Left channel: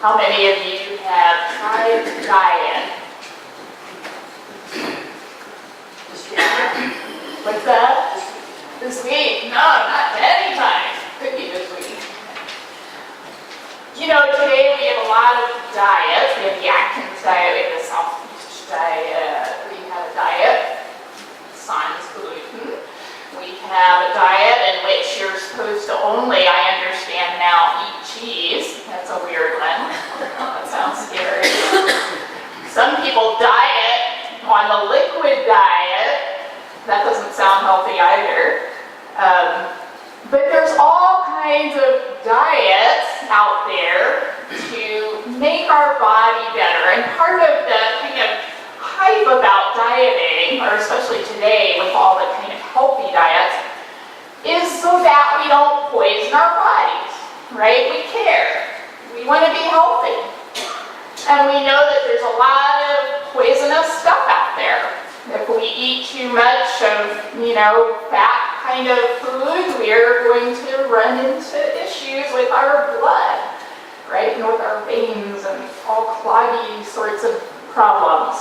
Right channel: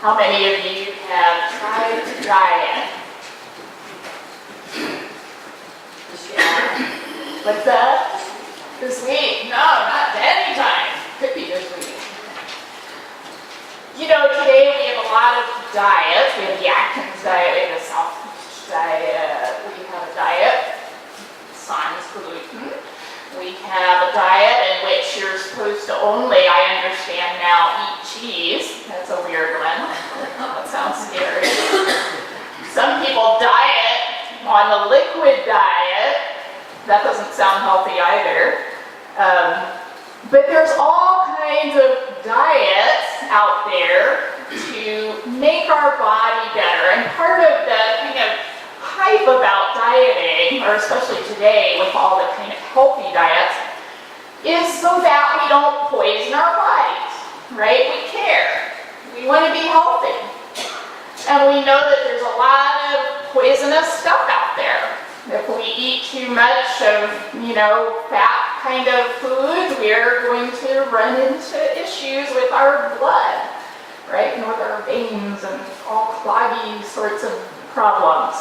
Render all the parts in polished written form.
How many of you have tried to diet? What's that? This week? No, not any time. Could be this week. You know, today we have a lot of diets. We have the Atkins diet, we have the South diet, we have a diet sans gluten. We have a diet in which you're supposed to only, I understand now, eat cheese. That's a weird one. That sounds scary. Some people diet on the liquid diet. That doesn't sound healthy either. But there's all kinds of diets out there to make our body better. And part of the kind of hype about dieting, or especially today with all the kind of healthy diets, is so that we don't poison our bodies, right? We care. We want to be healthy. And we know that there's a lot of poisonous stuff out there. If we eat too much of, fat kind of food, we're going to run into issues with our blood, right? And with our veins and all cloggy sorts of problems.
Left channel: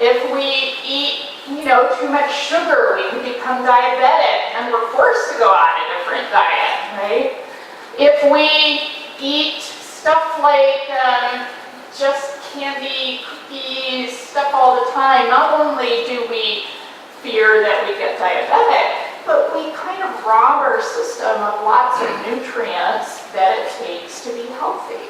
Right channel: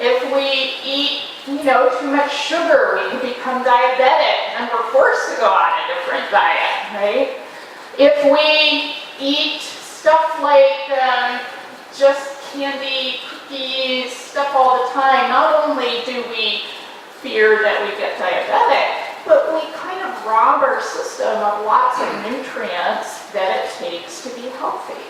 If we eat, too much sugar, we can become diabetic and we're forced to go on a different diet, right? If we eat stuff like just candy, cookies, stuff all the time, not only do we fear that we get diabetic, but we kind of rob our system of lots of nutrients that it takes to be healthy.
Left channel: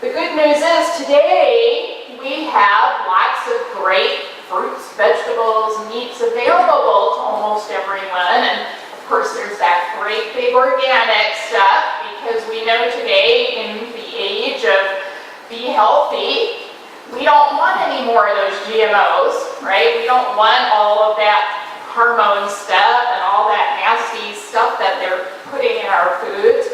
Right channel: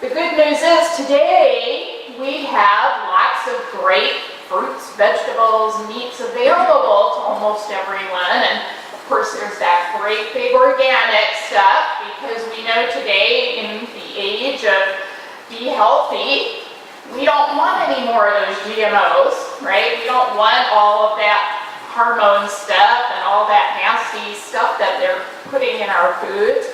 The good news is today we have lots of great fruits, vegetables, meats available to almost everyone. And of course there's that great big organic stuff, because we know today in the age of be healthy, we don't want any more of those GMOs, right? We don't want all of that hormone stuff and all that nasty stuff that they're putting in our foods.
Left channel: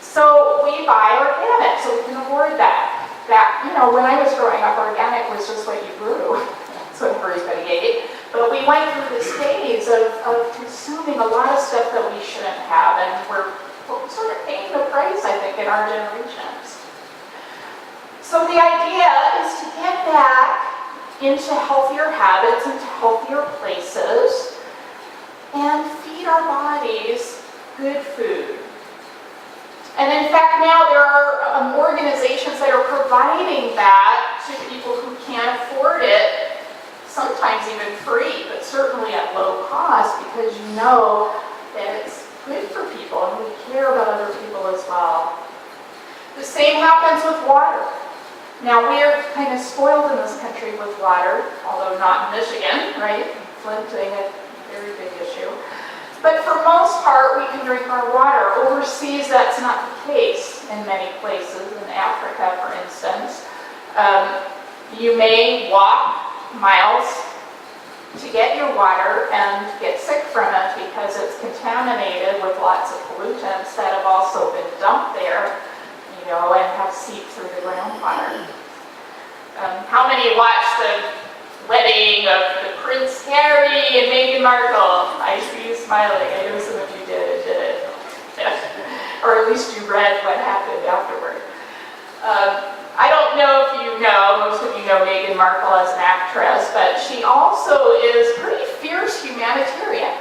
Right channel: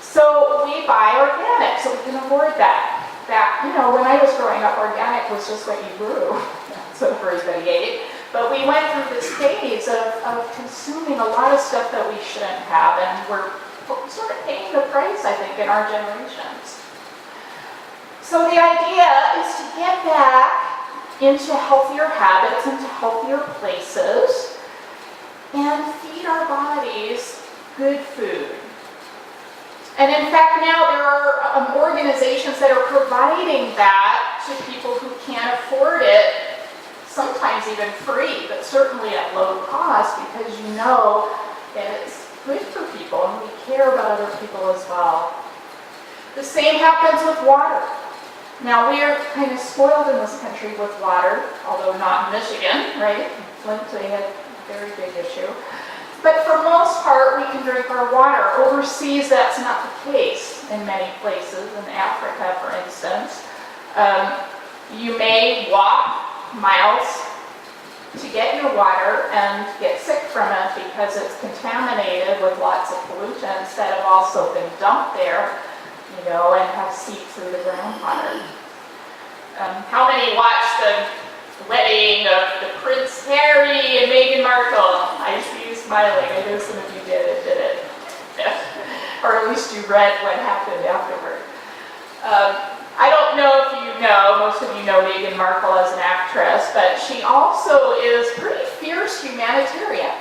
So we buy organic so we can afford that. When I was growing up, organic was just what you grew. That's what everybody ate. But we went through this phase of consuming a lot of stuff that we shouldn't have, and we're sort of paying the price, I think, in our generations. So the idea is to get back into healthier habits, into healthier places, and feed our bodies good food. And in fact, now there are organizations that are providing that to people who can't afford it, sometimes even free, but certainly at low cost, because you know that it's good for people and we care about other people as well. The same happens with water. Now, we are kind of spoiled in this country with water, although not in Michigan, right? Flint being a very big issue. But for most part, we can drink our water. Overseas, that's not the case in many places. In Africa, for instance, you may walk miles to get your water and get sick from it because it's contaminated with lots of pollutants that have also been dumped there, and have seeped through the groundwater. How many watched the wedding of the Prince Harry and Meghan Markle? I see you smiling. I know some of you did it. Or at least you read what happened afterward. I don't know if you know, most of you know Meghan Markle as an actress, but she also is a pretty fierce humanitarian.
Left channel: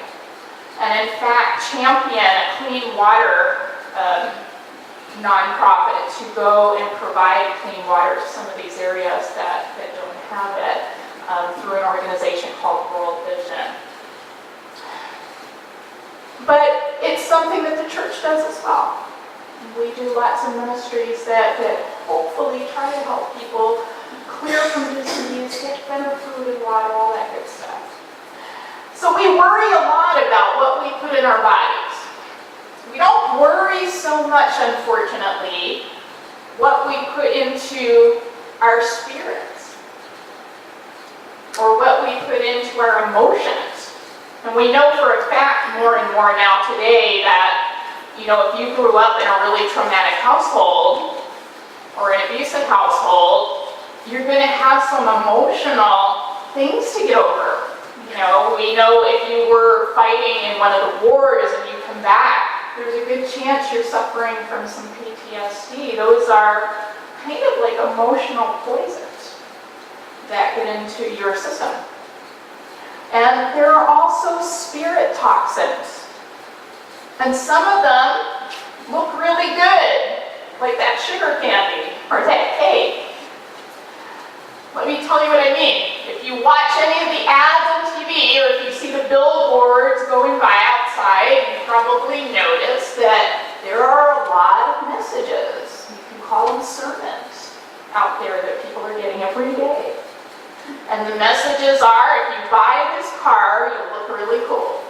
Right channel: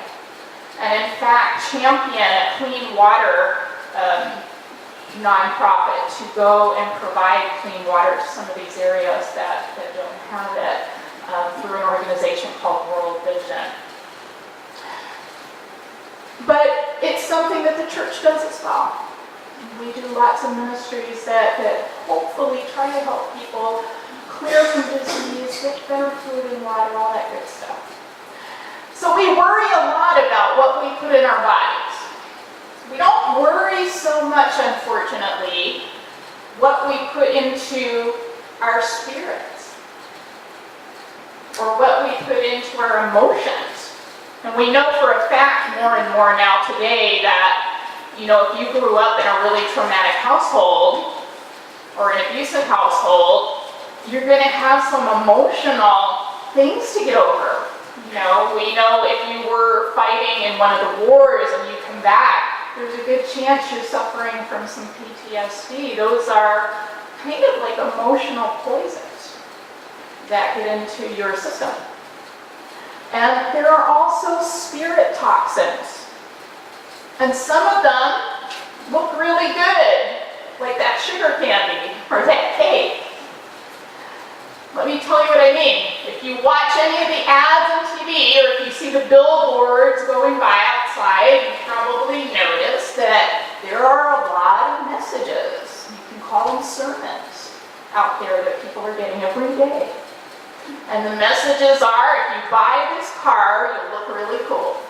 And in fact, champion a clean water nonprofit to go and provide clean water to some of these areas that don't have it through an organization called World Vision. But it's something that the church does as well. We do lots of ministries that hopefully try to help people clear from disease, get better food and water, all that good stuff. So we worry a lot about what we put in our bodies. We don't worry so much, unfortunately, what we put into our spirits or what we put into our emotions. And we know for a fact more and more now today that, if you grew up in a really traumatic household or an abusive household, you're going to have some emotional things to get over. We know if you were fighting in one of the wars and you come back there's a good chance you're suffering from some PTSD. Those are kind of like emotional poisons that get into your system. And there are also spirit toxins. And some of them look really good, like that sugar candy or that cake. Let me tell you what I mean. If you watch any of the ads on TV, or if you see the billboards going by outside, you probably notice that there are a lot of messages. You can call them sermons out there that people are getting every day. And the messages are, if you buy this car, you'll look really cool.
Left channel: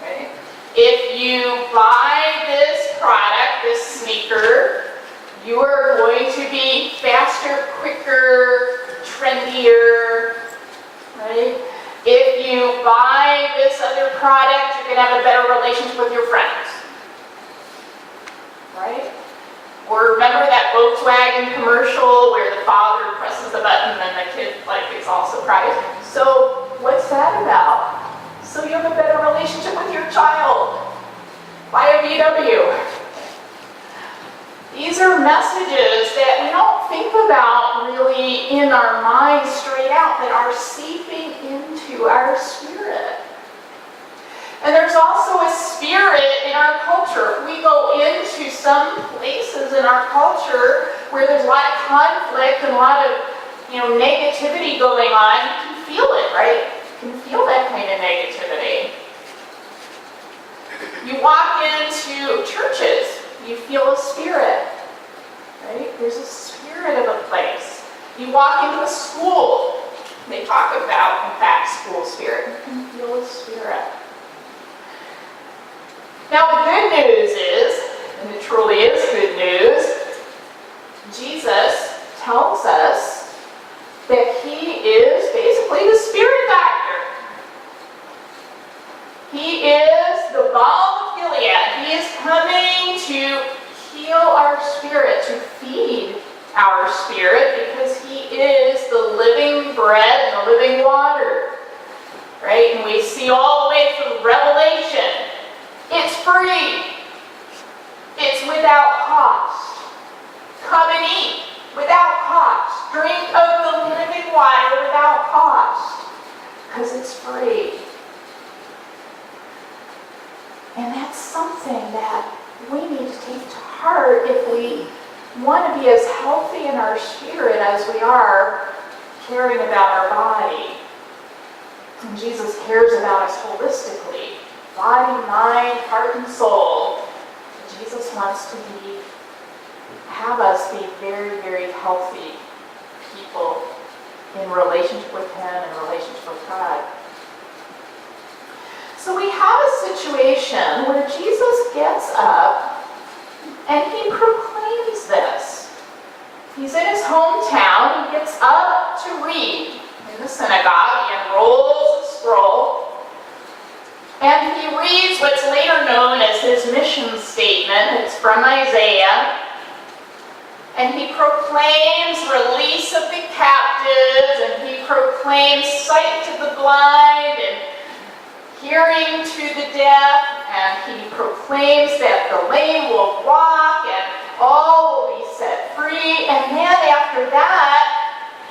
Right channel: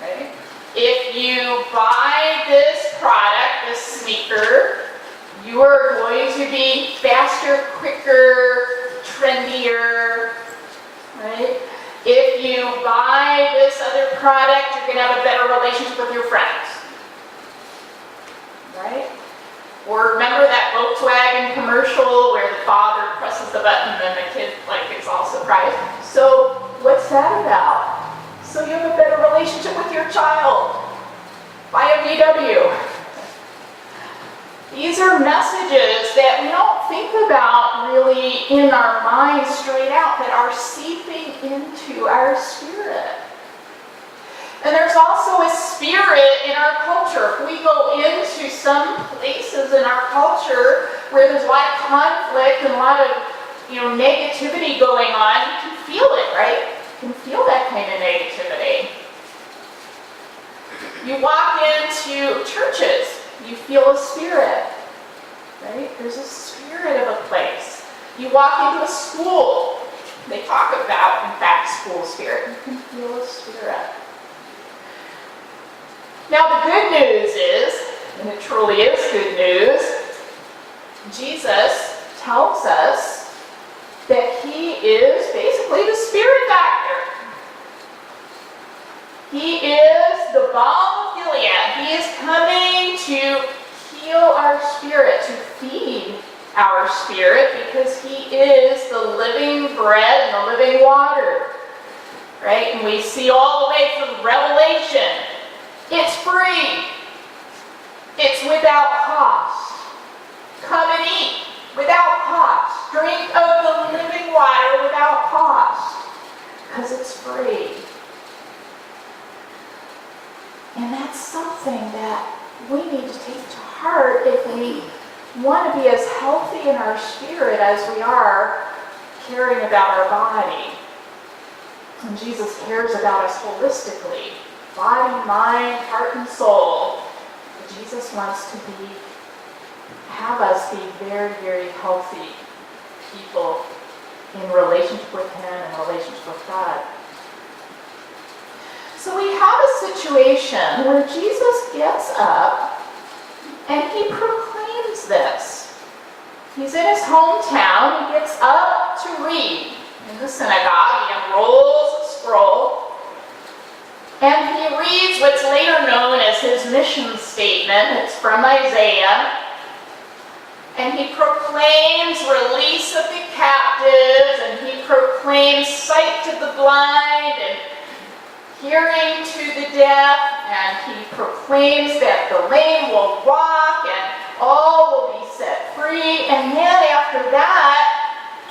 Right? If you buy this product, this sneaker, you are going to be faster, quicker, trendier, right? If you buy this other product, you're going to have a better relationship with your friends, right? Or remember that Volkswagen commercial where the father presses the button and the kid is all surprised? So what's that about? So you have a better relationship with your child. Buy a VW. These are messages that we don't think about really in our minds straight out, that are seeping into our spirit. And there's also a spirit in our culture. If we go into some places in our culture where there's a lot of conflict and a lot of negativity going on, you can feel it, right? You can feel that kind of negativity. You walk into churches, you feel a spirit, right? There's a spirit of a place. You walk into a school, they talk about, in fact, school spirit. You can feel a spirit. Now the good news is, and it truly is good news, Jesus tells us that he is basically the spirit doctor. He is the balm of Gilead. He is coming to heal our spirit, to feed our spirit, because he is the living bread and the living water. Right? And we see all the way through Revelation. It's free. It's without cost. Come and eat without cost. Drink of the living water without cost. Because it's free. And that's something that we need to take to heart if we want to be as healthy in our spirit as we are caring about our body. And Jesus cares about us holistically. Body, mind, heart, and soul. Jesus wants to have us be very, very healthy people in relationship with him and relationship with God. So we have a situation where Jesus gets up and he proclaims this. He's in his hometown. He gets up to read in the synagogue. He unrolls a scroll. And he reads what's later known as his mission statement. It's from Isaiah. And he proclaims release of the captives, and he proclaims sight to the blind, and hearing to the deaf, and he proclaims that the lame will walk, and all will be set free. And then after that,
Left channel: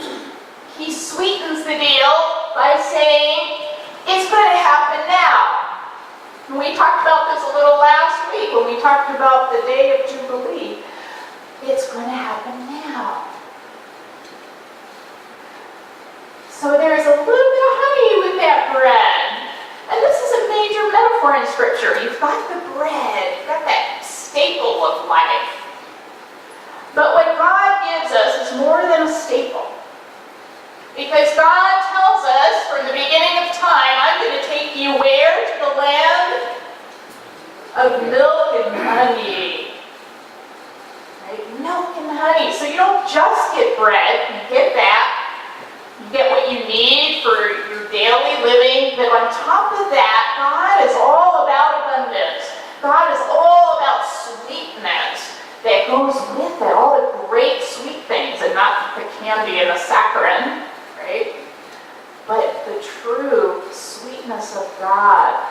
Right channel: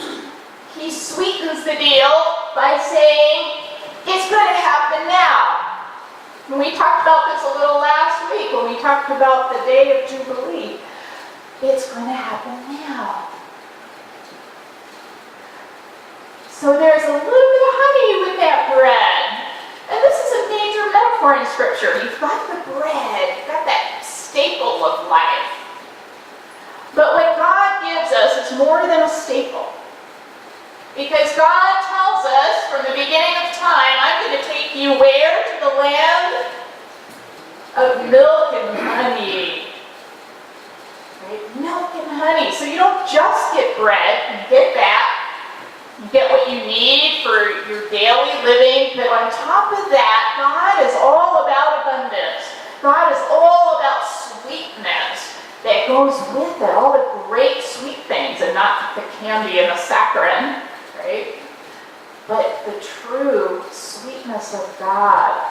he sweetens the deal by saying, it's going to happen now. And we talked about this a little last week when we talked about the day of Jubilee. It's going to happen now. So there's a little bit of honey with that bread. And this is a major metaphor in Scripture. You've got the bread, you've got that staple of life. But what God gives us is more than a staple. Because God tells us from the beginning of time, I'm going to take you where? To the land of milk and honey. Right? Milk and honey. So you don't just get bread, you get that. You get what you need for your daily living. But on top of that, God is all about abundance. God is all about sweetness that goes with it. All the great sweet things, and not the candy and the saccharin. Right? But the true sweetness of God.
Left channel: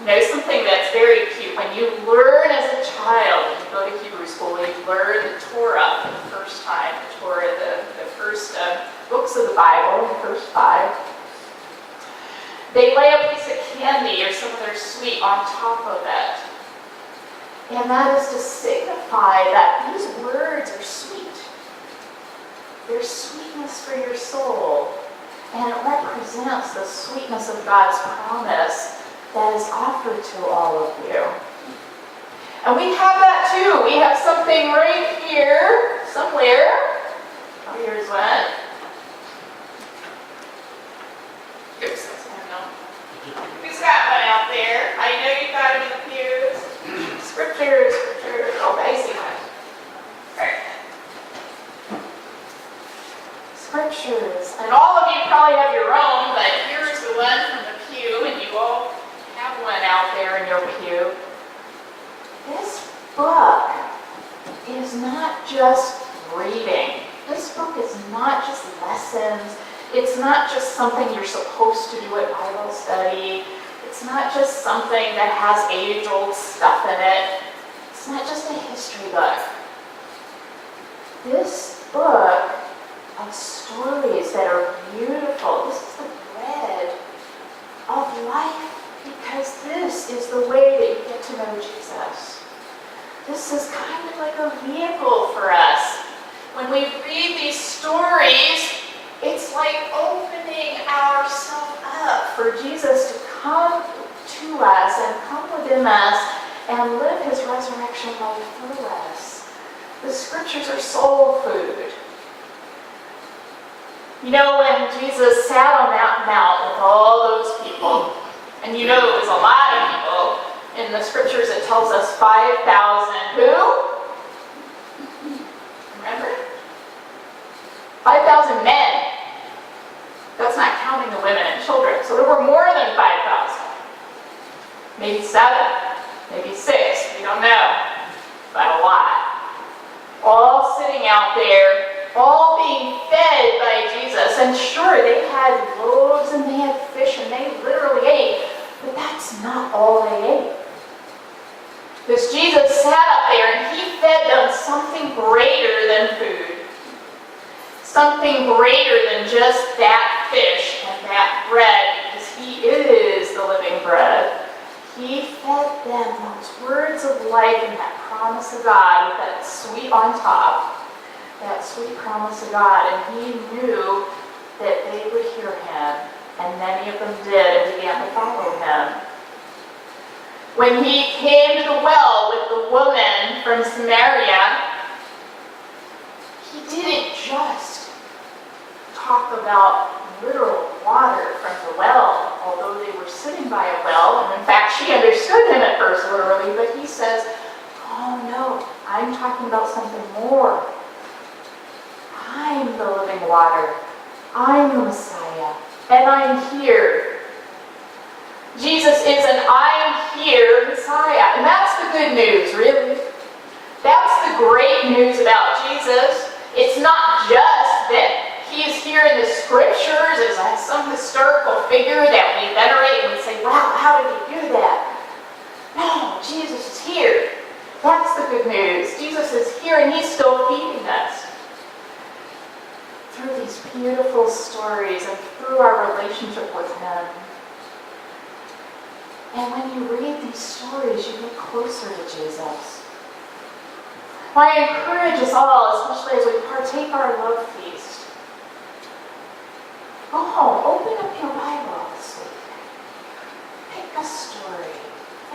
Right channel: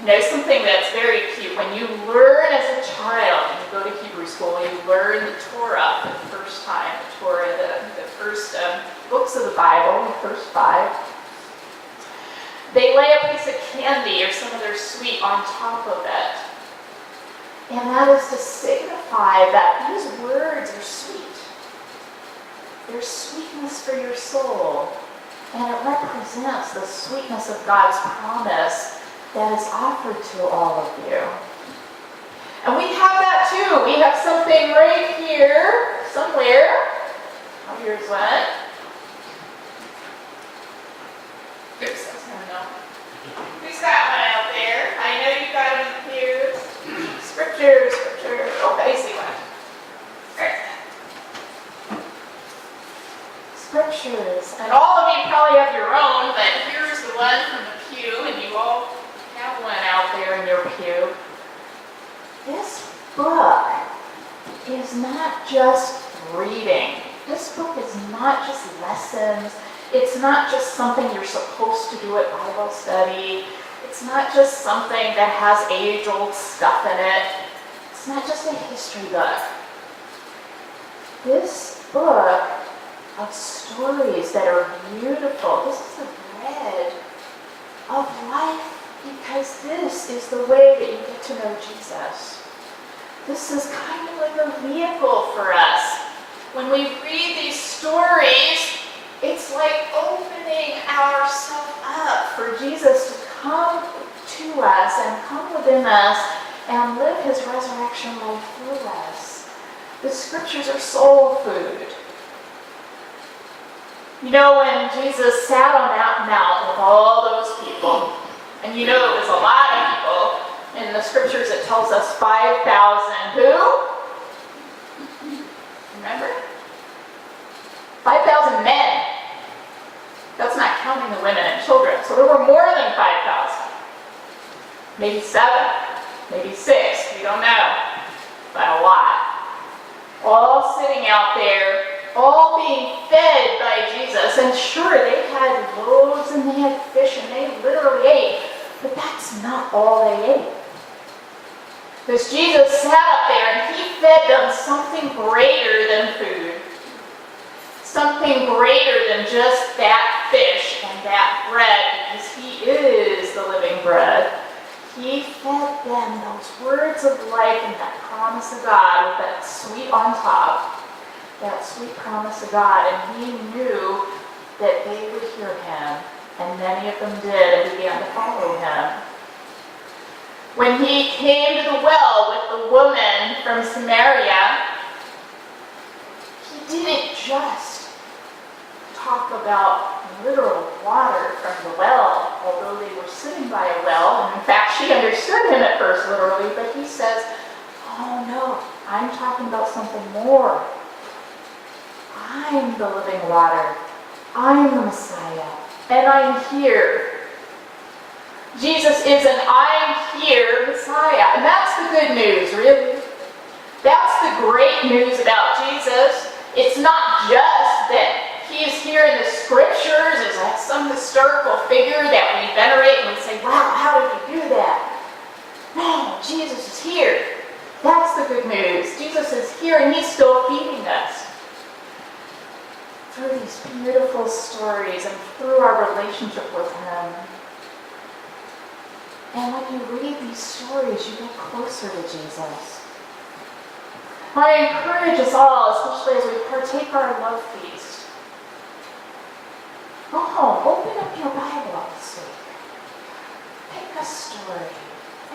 You know, something that's very cute, when you learn as a child, when you go to Hebrew school, when you learn the Torah for the first time, the Torah, the first books of the Bible, the first 5, they lay a piece of candy or some other sweet on top of it. And that is to signify that these words are sweet. They're sweetness for your soul. And it represents the sweetness of God's promise that is offered to all of you. And we have that too. We have something right here, somewhere. Oh, here's one. Oops, that's him now. Who's got one out there? I know you got it in the pews. Scriptures. Oh, I see one. All right. Scriptures. And all of you probably have your own, but here's the one from the pew, and you all have one out there in your pew. This book is not just reading. This book is not just lessons. It's not just something you're supposed to do at Bible study. It's not just something that has age-old stuff in it. It's not just a history book. This book of stories that are beautiful. This is the bread of life, because this is the way that you get to know Jesus. This is kind of like a vehicle for us. When we read these stories, it's like opening ourselves up for Jesus to come to us and come within us and live his resurrection life through us. The scriptures are soul food. You know, when Jesus sat on that mount with all those people, and you know it was a lot of people, in the scriptures it tells us 5,000 who? Remember? 5,000 men. That's not counting the women and children. So there were more than 5,000. Maybe 7, maybe 6, we don't know, but a lot. All sitting out there, all being fed by Jesus. And sure, they had loaves and they had fish and they literally ate, but that's not all they ate. Because Jesus sat up there and he fed them something greater than food. Something greater than just that fish and that bread, because he is the living bread. He fed them those words of life and that promise of God with that sweet on top. That sweet promise of God, and he knew that they would hear him, and many of them did and began to follow him. When he came to the well with the woman from Samaria, he didn't just talk about literal water from the well, although they were sitting by a well, and in fact she understood him at first literally, but he says, oh no, I'm talking about something more. I'm the living water. I'm the Messiah. And I'm here. Jesus is an I'm here Messiah. And that's the good news, really. That's the great news about Jesus. It's not just that he is here in the scriptures as some historical figure that we venerate and we say, wow, how did he do that? No, Jesus is here. That's the good news. Jesus is here and he's still feeding us. Through these beautiful stories and through our relationship with him. And when you read these stories, you get closer to Jesus. I encourage us all, especially as we partake our love feast, go home, open up your Bible this week. Pick a story,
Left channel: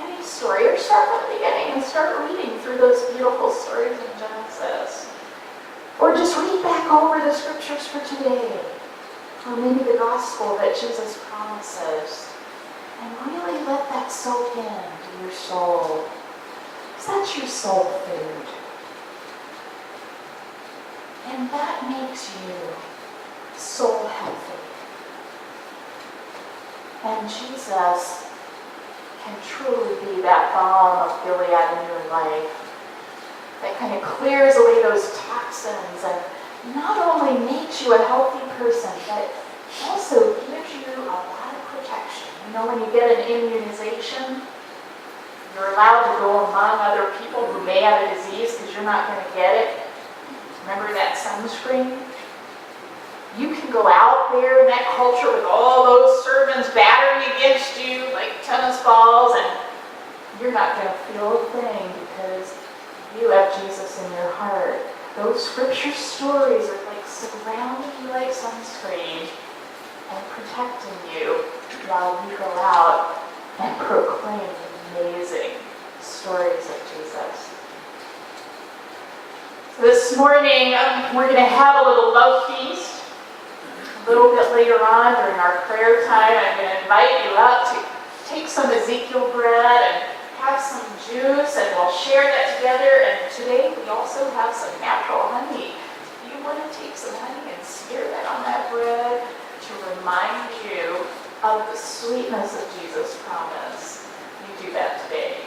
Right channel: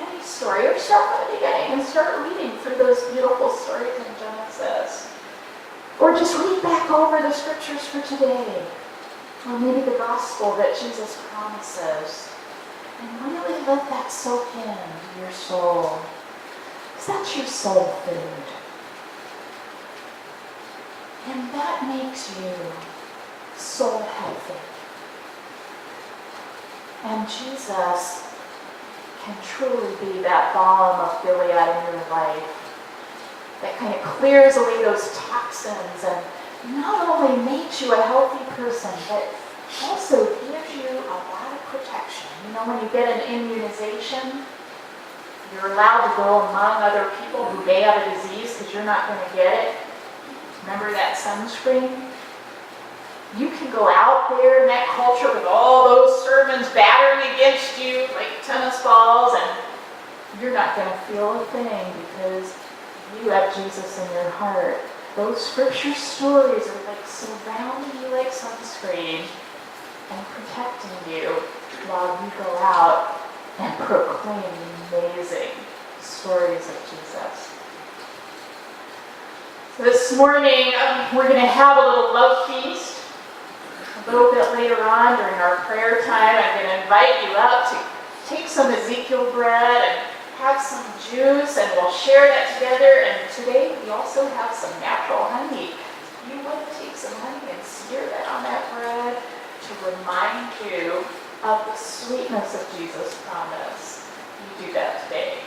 any story, or start from the beginning and start reading through those beautiful stories in Genesis. Or just read back over the scriptures for today. Or maybe the gospel that Jesus promises. And really let that soak into your soul. Because that's your soul food. And that makes you soul healthy. And Jesus can truly be that balm of Gilead in your life. That kind of clears away those toxins and not only makes you a healthy person, but also gives you a lot of protection. When you get an immunization, you're allowed to go among other people who may have a disease because you're not going to get it. Remember that sunscreen? You can go out there in that culture with all those sermons battering against you like tennis balls, and you're not going to feel a thing because you have Jesus in your heart. Those scripture stories are like surrounding you like sunscreen and protecting you while you go out and proclaim amazing stories of Jesus. So this morning, we're going to have a little love feast. A little bit later on during our prayer time, I'm going to invite you up to take some Ezekiel bread and have some juice, and we'll share that together. And today we also have some natural honey. If you want to take some honey and smear that on that bread to remind you of the sweetness of Jesus' promise, you do that today.